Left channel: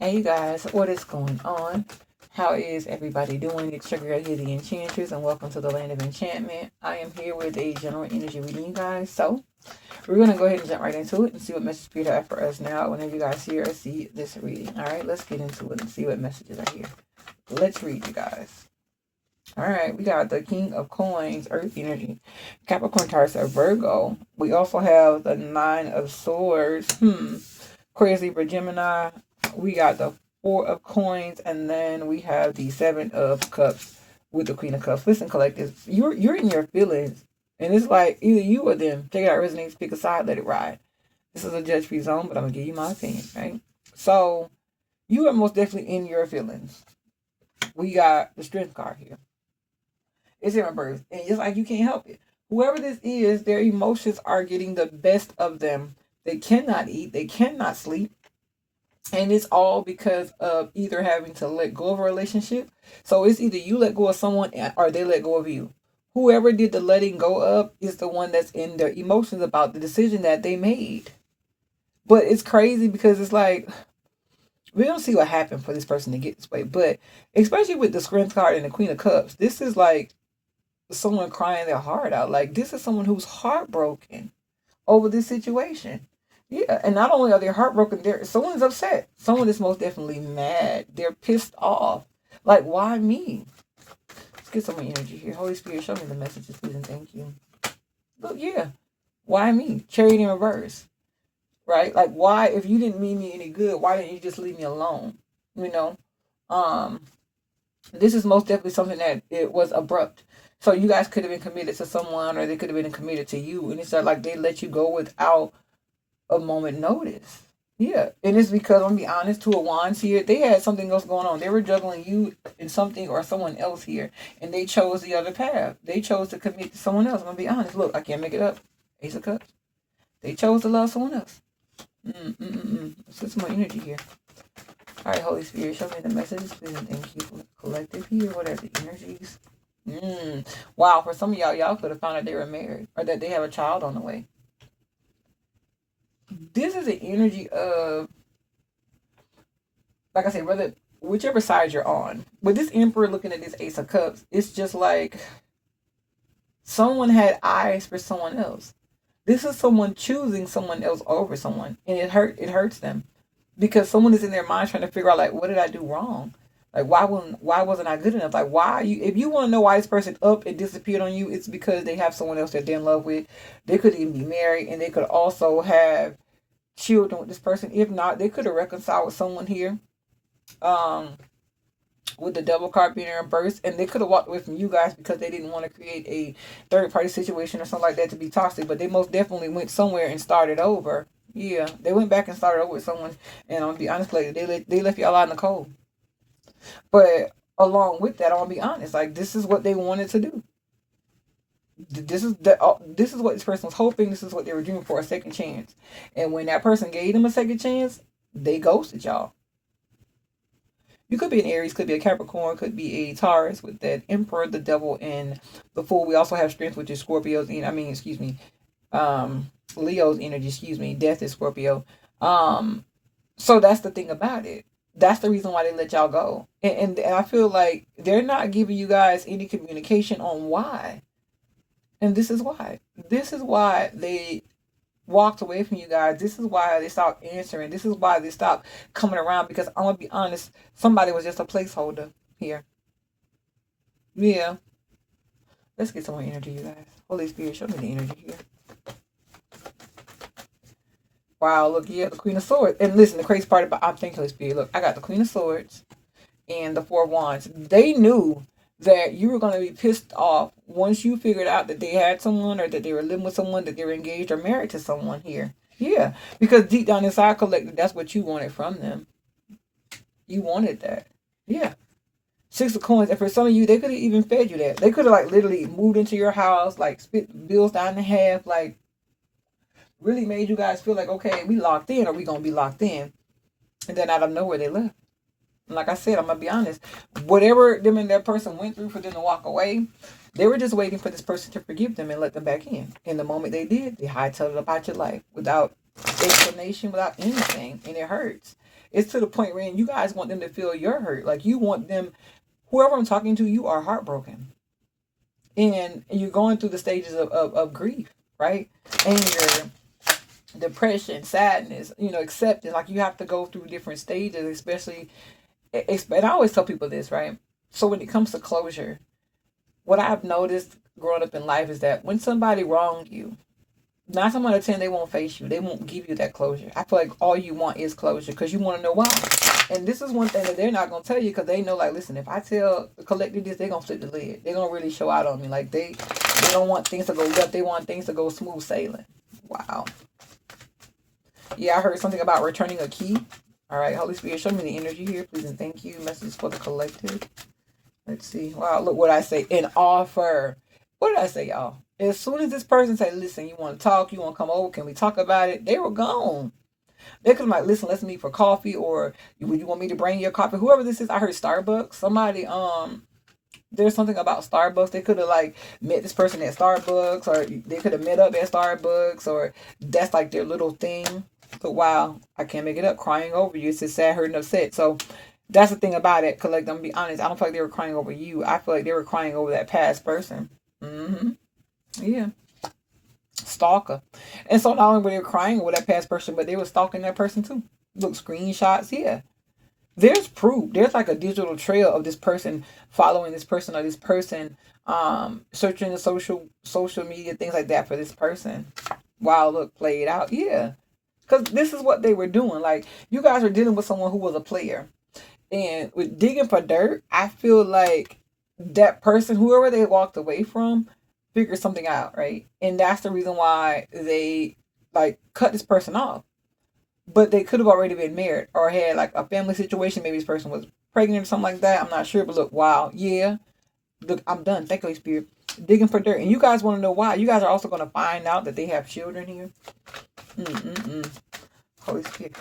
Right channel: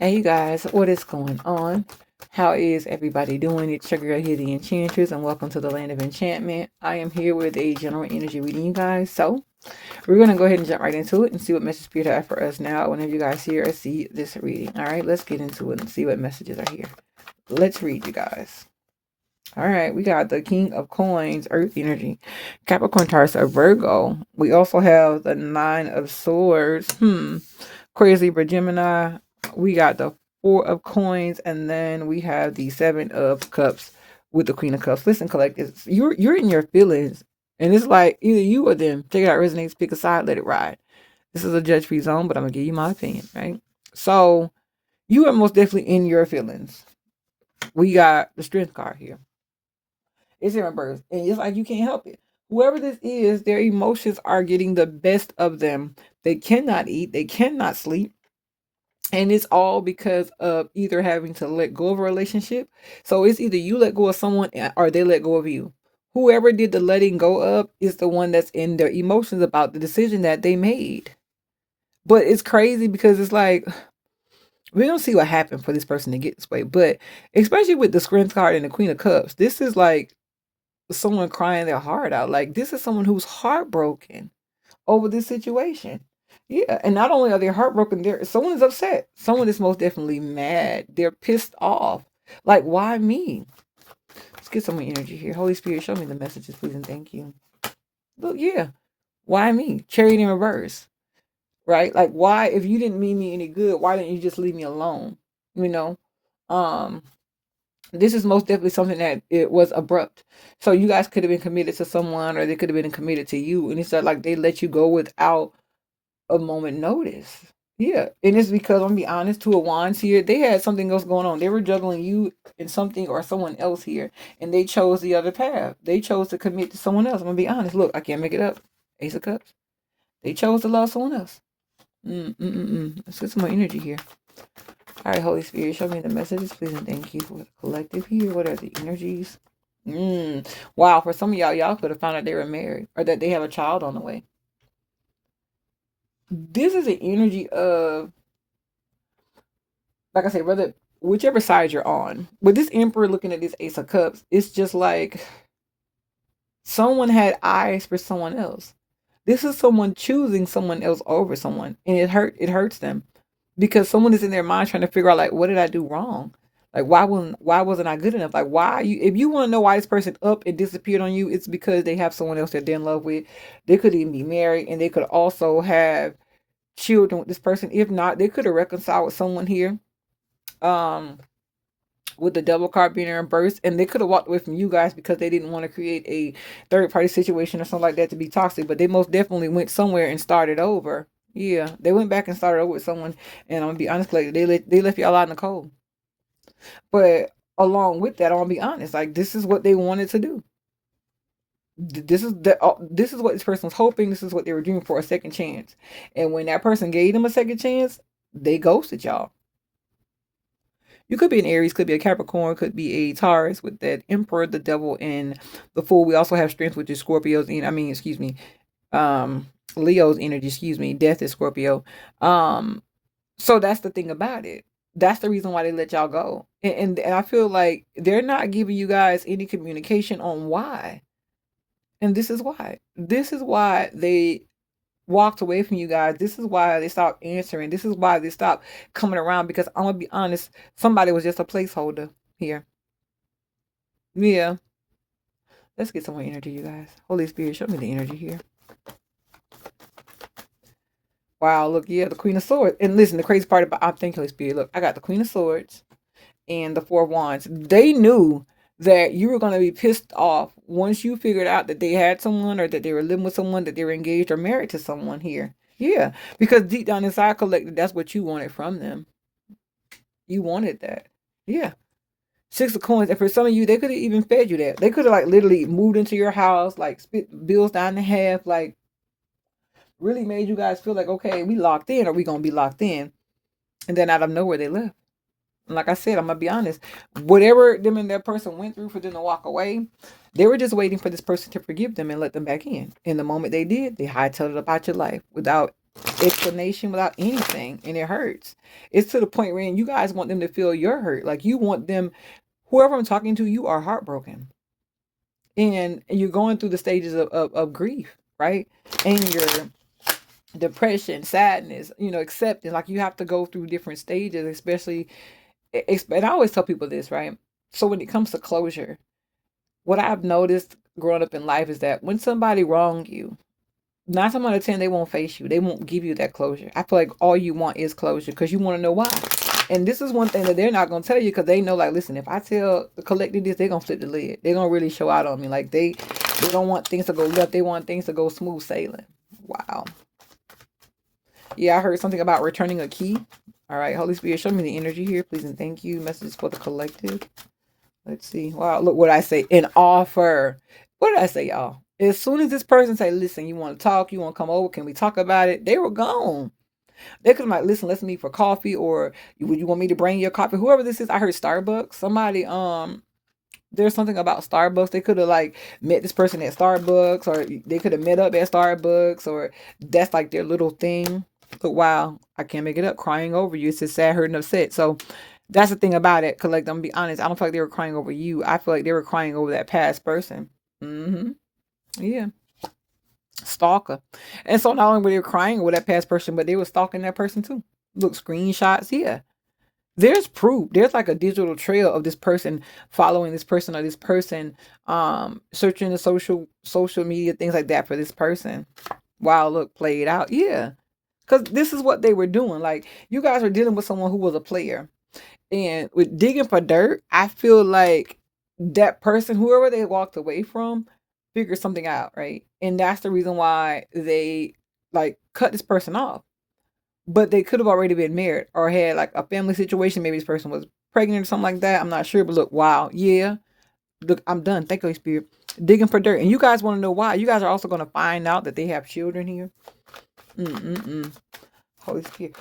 Hey you guys, what is going on? How is everybody doing? It's your girl here, the Enchantress, and welcome to the Land of Enchantment. I am here with a general energy reading, you guys. So we're gonna go ahead and jump right into it and see what message Spirit has for us now. Whenever you guys hear or see this reading, all right, let's get into it and see what messages are here. Let's read, you guys. All right, we got the King of Coins, Earth Energy, Capricorn Taurus, or Virgo. We also have the Nine of Swords, Aquarius, Libra, Gemini. We got the Four of Coins, and then we have the Seven of Cups with the Queen of Cups. Listen, collectors, you're in your feelings, and it's like either you or them. Take it out, resonates, pick a side, let it ride. This is a judge-free zone, but I'm gonna give you my opinion, right? So you are most definitely in your feelings. We got the Strength card here. It's in reverse, and it's like you can't help it. Whoever this is, their emotions are getting the best of them. They cannot eat, they cannot sleep, and it's all because of either having to let go of a relationship. So it's either you let go of someone or they let go of you. Whoever did the letting go of is the one that's in their emotions about the decision that they made. But it's crazy because it's like we don't see what happened for this person to get this way. But especially with the Strength card and the Queen of Cups, this is like someone crying their heart out. Like this is someone who's heartbroken over this situation. Yeah, and not only are they heartbroken, someone's upset. Someone is most definitely mad. They're pissed off. Like, why me? Let's get some more energy here. Holy Spirit, show me the messages, please, and thank you. Look, yeah. Why me? Chariot in reverse. Right? Like, why, if you didn't mean me any good, why didn't you just leave me alone? You know? This is most definitely something that it was abrupt. So you guys could have been committed to someone, or they could have been committed to you, and it's like they let you go without a moment notice. Yeah, and it's because I'm gonna be honest, Two of Wands here, they had something else going on. They were juggling you and something or someone else here, and they chose the other path. They chose to commit to someone else. I'm gonna be honest. Look, I can't make it up. Ace of Cups. They chose to love someone else. Let's get some more energy here. All right, Holy Spirit, show me the messages, please, and thank you for the collective here. What are the energies? Wow, for some of y'all could have found out they were married or that they have a child on the way. This is an energy of, like I said, whether whichever side you're on. With this Emperor looking at this Ace of Cups, it's just like someone had eyes for someone else. This is someone choosing someone else over someone, and it hurts them because someone is in their mind trying to figure out like, what did I do wrong? Like why wasn't I good enough? Like why you, if you want to know why this person up and disappeared on you, it's because they have someone else that they're in love with. They could even be married, and they could also have children with this person. If not, they could have reconciled with someone here. Um, with the Devil card being in reverse, and they could have walked away from you guys because they didn't want to create a third party situation or something like that to be toxic. But they most definitely went somewhere and started over. Yeah, they went back and started over with someone, and I'm gonna be honest, like they left y'all out in the cold. But along with that, I'm gonna be honest, like this is what they wanted to do. This is what this person was hoping. This is what they were doing for a second chance. And when that person gave them a second chance, they ghosted y'all. You could be an Aries, could be a Capricorn, could be a Taurus with that Emperor, the Devil, and the Fool. We also have Strength, which is Scorpio's. Leo's energy. Excuse me, Death is Scorpio. So that's the thing about it. That's the reason why they let y'all go, and I feel like they're not giving you guys any communication on why. And this is why. This is why they walked away from you guys. This is why they stopped answering. This is why they stopped coming around, because I'm gonna be honest, somebody was just a placeholder here. Yeah. Let's get some more energy, you guys. Holy Spirit, show me the energy here. Wow, look, yeah, the Queen of Swords. And listen, the crazy part about, I'm thinking, Holy Spirit, look, I got the Queen of Swords and the Four of Wands. They knew that you were going to be pissed off once you figured out that they had someone, or that they were living with someone, that they were engaged or married to someone here. Yeah, because deep down inside, collected, that's what you wanted from them. You wanted that. Yeah. Six of Coins. And for some of you, they could have even fed you that. They could have like literally moved into your house, like spit bills down in half, like really made you guys feel like, okay, we locked in, or we going to be locked in. And then out of nowhere, they left. And like I said, I'm going to be honest. Whatever them and that person went through for them to walk away, they were just waiting for this person to forgive them and let them back in. And the moment they did, they hightailed it about your life without explanation, without anything, and it hurts. It's to the point where you guys want them to feel your hurt. Like you want them, whoever I'm talking to, you are heartbroken. And you're going through the stages of grief, right? Anger, depression, sadness, accepting. Like you have to go through different stages, especially, and I always tell people this, right? So when it comes to closure, what I've noticed growing up in life is that when somebody wronged you, 9 times out of 10, they won't face you. They won't give you that closure. I feel like all you want is closure because you want to know why. And this is one thing that they're not going to tell you because they know, like, listen, if I tell the collective this, they're going to flip the lid. They're going to really show out on me. Like, they don't want things to go left. They want things to go smooth sailing. Wow. Yeah, I heard something about returning a key. All right, Holy Spirit, show me the energy here, please and thank you. Messages for the collective. Let's see. Wow, look what I say. An offer. What did I say, y'all? As soon as this person say, listen, you want to talk, you want to come over, can we talk about it? They were gone. They could have like, listen, let's meet for coffee, or would you want me to bring your coffee? Whoever this is, I heard Starbucks. Somebody, there's something about Starbucks. They could have like met this person at Starbucks, or they could have met up at Starbucks, or that's like their little thing. But wow, I can't make it up. Crying over you. It's just sad, hurt, and upset. So that's the thing about it. Cause like, I'm gonna be honest, I don't feel like they were crying over you. I feel like they were crying over that past person. Yeah. Stalker. And so not only were they crying over that past person, but they were stalking that person too. Look, screenshots. Yeah. There's proof. There's like a digital trail of this person following this person, or this person searching the social media, things like that for this person. Wow, look, played out. Yeah. Because this is what they were doing. Like, you guys are dealing with someone who was a player. And with digging for dirt, I feel like that person, whoever they walked away from, figured something out, right? And that's the reason why they like cut this person off. But they could have already been married or had like a family situation. Maybe this person was pregnant or something like that. I'm not sure. But look, wow, yeah. Look, I'm done. Thank you, Holy Spirit. Digging for dirt. And you guys want to know why? You guys are also going to find out that they have children here. Holy Spirit.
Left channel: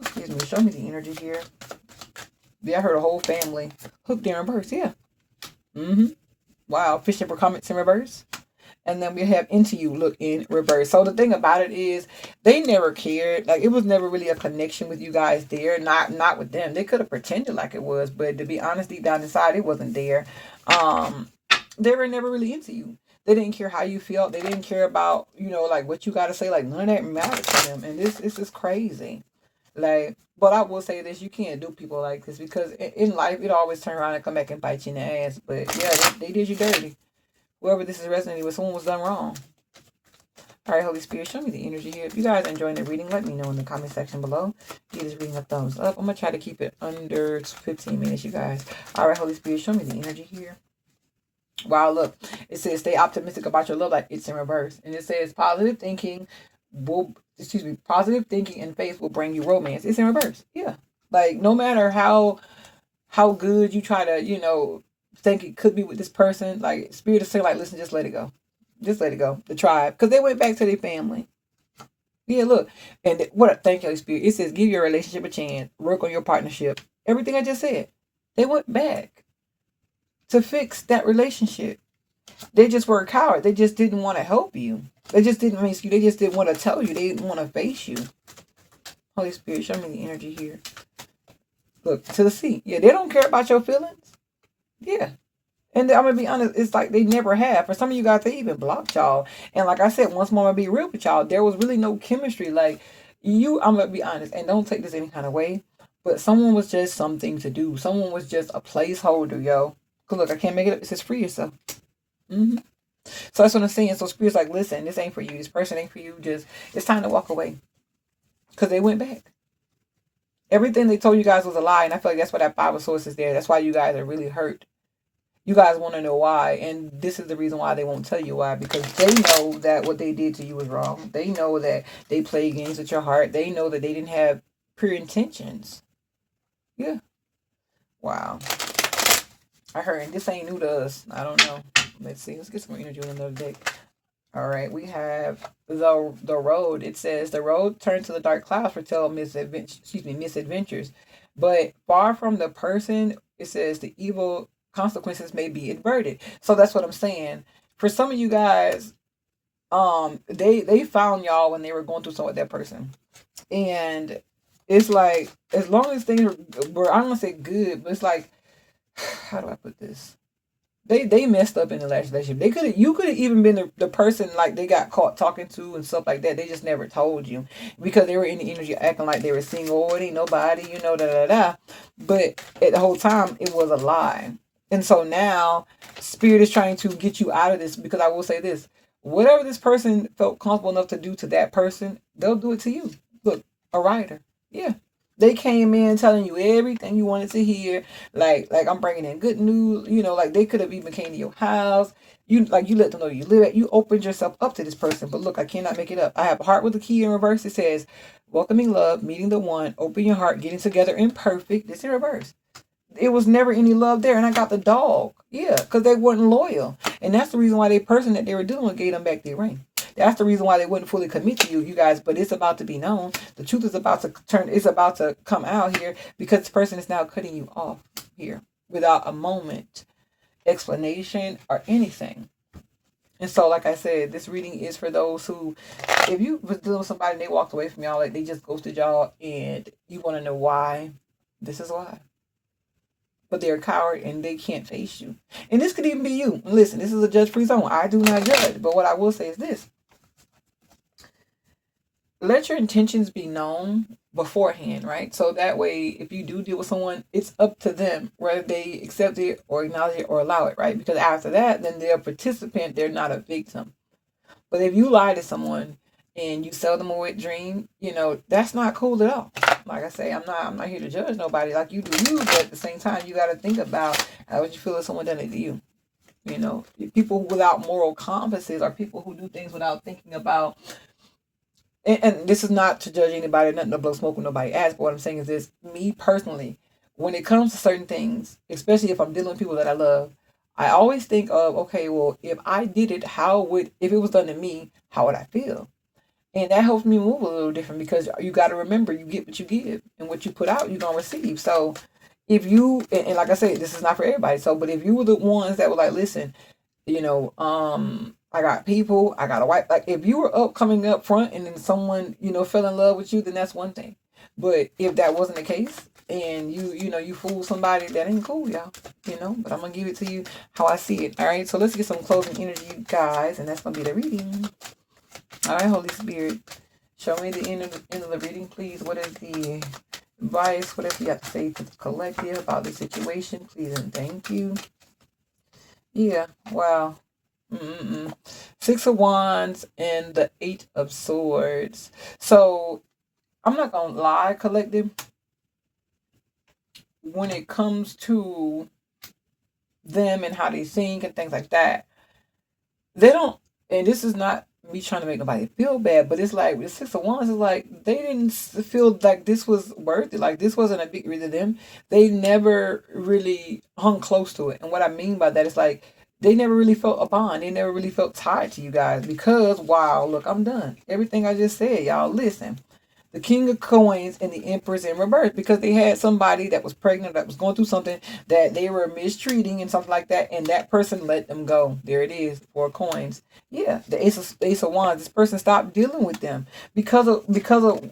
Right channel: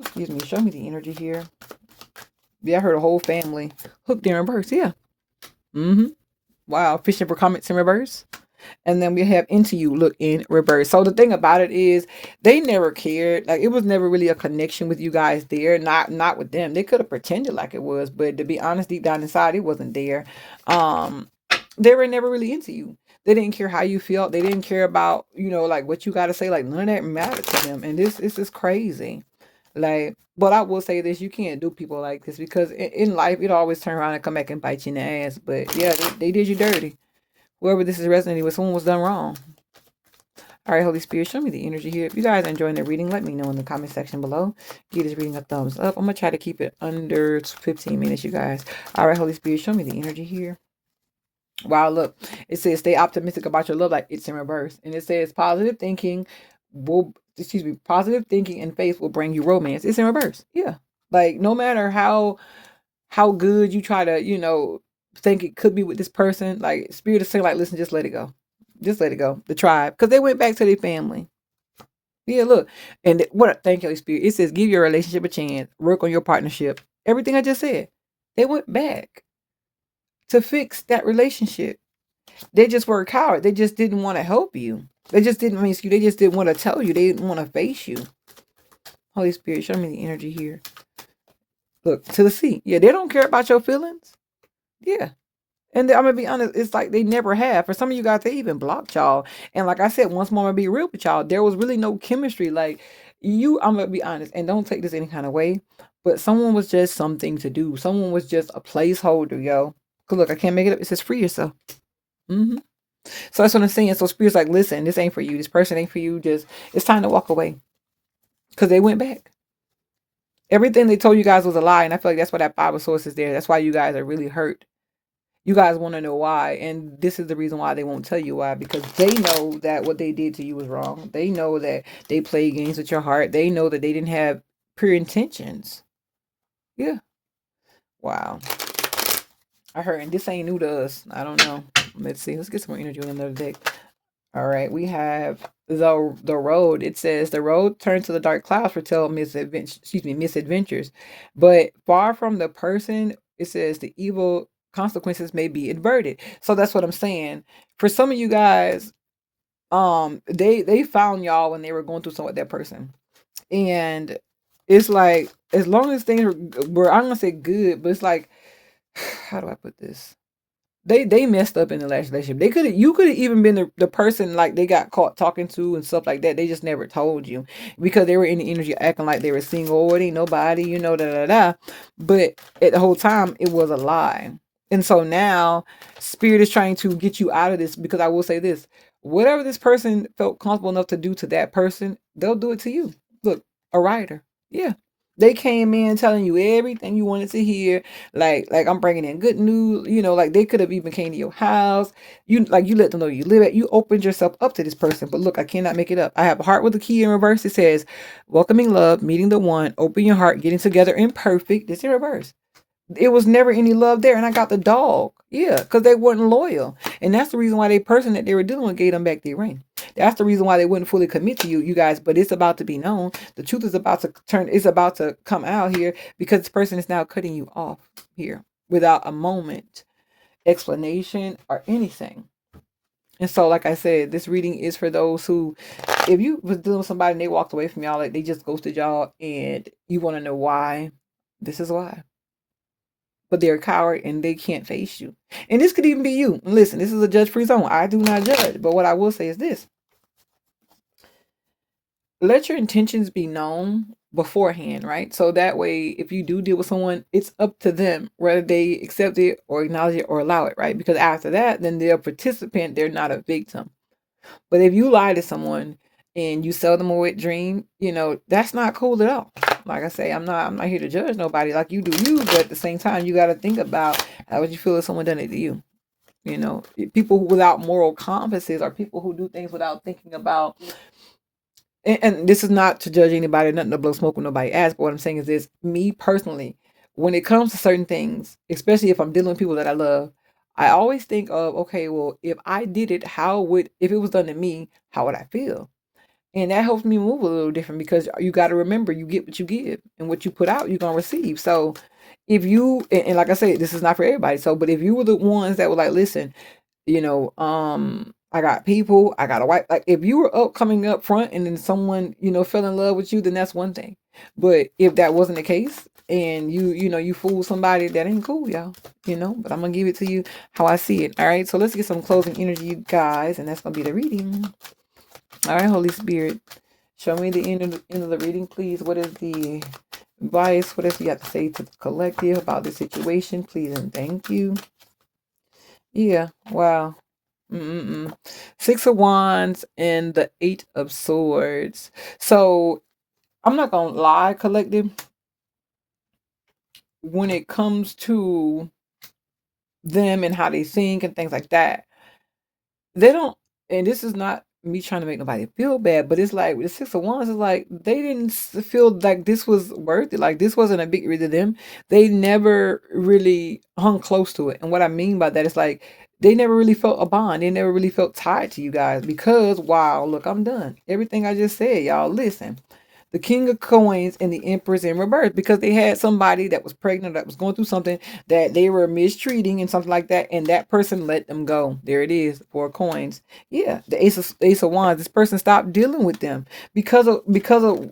Excuse me. Show me the energy here. Yeah, I heard a whole family hooked in reverse. Yeah. Wow. Fishing for comments in reverse. And then we have Into You, look in reverse. So the thing about it is they never cared. Like, it was never really a connection with you guys there. Not with them. They could have pretended like it was, but to be honest, deep down inside, it wasn't there. They were never really into you. They didn't care how you felt. They didn't care about, like what you got to say. Like, none of that mattered to them. And this is crazy. Like, but I will say this, you can't do people like this because in life, it always turn around and come back and bite you in the ass. But yeah, they did you dirty. Whoever this is resonating with, someone was done wrong. All right, Holy Spirit, show me the energy here. If you guys are enjoying the reading, let me know in the comment section below. Give this reading a thumbs up. I'm going to try to keep it under 15 minutes, you guys. All right, Holy Spirit, show me the energy here. Wow, look. It says, stay optimistic about your love life. It's in reverse. And it says, positive thinking and faith will bring you romance. It's in reverse. Yeah. Like, no matter how good you try to, think it could be with this person, like, Spirit is saying, like, listen, just let it go. Just let it go. The tribe. Because they went back to their family. Yeah, look. And thank you, Holy Spirit. It says, give your relationship a chance. Work on your partnership. Everything I just said. They went back to fix that relationship. They just were a coward. They just didn't want to help you. They just didn't they just didn't want to tell you. They didn't want to face you. Holy Spirit, show me the energy here. Look, to the sea. Yeah, they don't care about your feelings. Yeah. And I'm going to be honest, it's like they never have. For some of you guys, they even blocked y'all. And like I said, once more, I'm going to be real with y'all. There was really no chemistry. Like, I'm going to be honest, and don't take this any kind of way, but someone was just something to do. Someone was just a placeholder, yo. Because look, I can't make it up. It says free yourself. So that's what I'm saying. So Spirit's like, listen, this ain't for you. This person ain't for you. It's time to walk away. Because they went back. Everything they told you guys was a lie. And I feel like that's why that 5 of Swords is there. That's why you guys are really hurt. You guys want to know why. And this is the reason why they won't tell you why. Because they know that what they did to you was wrong. They know that they played games with your heart. They know that they didn't have pure intentions. Yeah. Wow. I heard, and this ain't new to us. I don't know. Let's see. Let's get some more energy on another deck. All right. We have the road. It says, the road turned to the dark clouds foretell misadventures. But far from the person, it says the evil consequences may be averted. So that's what I'm saying. For some of you guys, they found y'all when they were going through something with that person. And it's like, as long as things were, I don't want to say good, but it's like, how do I put this? They messed up in the last relationship. They could have, you could have even been the person like they got caught talking to and stuff like that. They just never told you because they were in the energy acting like they were single. Oh, it ain't nobody, you know, da da da. But at the whole time, it was a lie. And so now, spirit is trying to get you out of this, because I will say this: whatever this person felt comfortable enough to do to that person, they'll do it to you. Look, a writer, yeah. They came in telling you everything you wanted to hear, like I'm bringing in good news. You know, like they could have even came to your house. You let them know you live at. You opened yourself up to this person. But look, I cannot make it up. I have a heart with a key in reverse. It says, "Welcoming love, meeting the one, open your heart, getting together, imperfect." It's in reverse. It was never any love there, and I got the dog. Yeah, because they weren't loyal, and that's the reason why the person that they were dealing with gave them back their ring. That's the reason why they wouldn't fully commit to you guys. But it's about to be known. The truth is about to turn. It's about to come out here, because this person is now cutting you off here without a moment explanation or anything. And so, like I said, this reading is for those who, if you was dealing with somebody and they walked away from y'all, like they just ghosted y'all, and you want to know why, this is why. But they're a coward and they can't face you. And this could even be you. Listen, this is a judge-free zone. I do not judge. But what I will say is this: let your intentions be known beforehand, right? So that way, if you do deal with someone, it's up to them whether they accept it or acknowledge it or allow it, right? Because after that, then they're a participant, they're not a victim. But if you lie to someone and you sell them a wet dream, you know, that's not cool at all. Like I say, I'm not here to judge nobody. Like, you do you, but at the same time, you got to think about how would you feel if someone done it to you. You know, people without moral compasses are people who do things without thinking about. And this is not to judge anybody, nothing to blow smoke with nobody ass. But what I'm saying is this: me personally, when it comes to certain things, especially if I'm dealing with people that I love, I always think of, okay, well, if I did it, if it was done to me, how would I feel? And that helps me move a little different, because you got to remember, you get what you give, and what you put out, you're going to receive. So if you, and like I said, this is not for everybody. So, but if you were the ones that were like, listen, you know, I got people, I got a wife. Like, if you were coming up front and then someone, you know, fell in love with you, then that's one thing. But if that wasn't the case, and you fool somebody, that ain't cool, y'all. You know, but I'm going to give it to you how I see it. All right. So let's get some closing energy, you guys. And that's going to be the reading. All right, Holy Spirit, show me the end of the reading, please. What is the advice? What does you have to say to the collective about the situation, please, and thank you. Yeah, wow. 6 of Wands and the 8 of Swords. So I'm not gonna lie, collective. When it comes to them and how they think and things like that, they don't. And this is not me trying to make nobody feel bad, but it's like the 6 of Wands is like they didn't feel like this was worth it. Like, this wasn't a big deal to them. They never really hung close to it. And what I mean by that is, like, they never really felt a bond. They never really felt tied to you guys, because, wow, look, I'm done. Everything I just said, y'all listen. The King of Coins and the Empress in reverse, because they had somebody that was pregnant, that was going through something that they were mistreating and something like that, and that person let them go. There it is, 4 coins. Yeah, the Ace of Wands. This person stopped dealing with them because of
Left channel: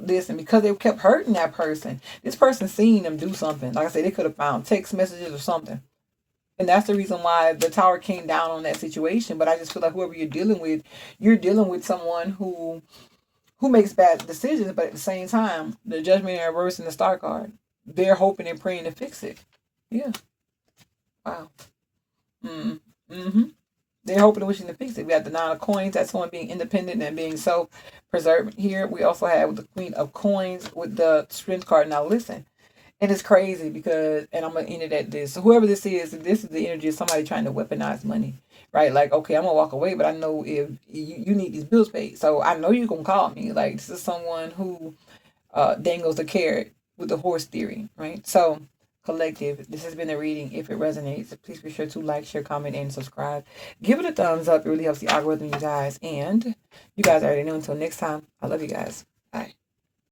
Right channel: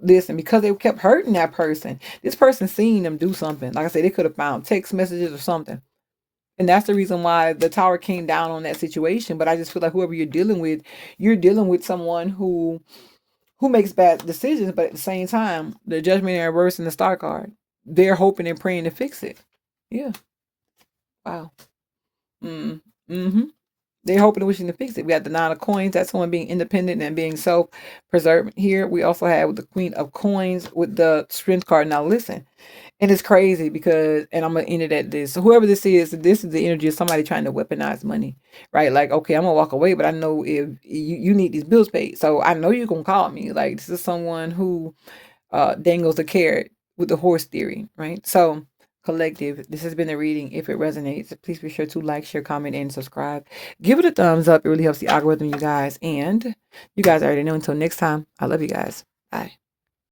this, and because they kept hurting that person. This person seen them do something. Like I said, they could have found text messages or something. And that's the reason why the tower came down on that situation. But I just feel like whoever you're dealing with someone who makes bad decisions, but at the same time, the Judgment in reverse and the Star card, they're hoping and praying to fix it. Yeah. Wow. They're hoping and wishing to fix it. We got the 9 of Coins. That's someone being independent and being self-preserved here. We also have the Queen of Coins with the Strength card. Now listen, and it's crazy because, and I'm going to end it at this. So whoever this is the energy of somebody trying to weaponize money, right? Like, okay, I'm going to walk away, but I know if you need these bills paid. So I know you're going to call me. Like, this is someone who dangles a carrot with the horse theory, right? So collective, this has been the reading. If it resonates, please be sure to like, share, comment, and subscribe. Give it a thumbs up. It really helps the algorithm, you guys. And you guys already know, until next time, I love you guys. Bye.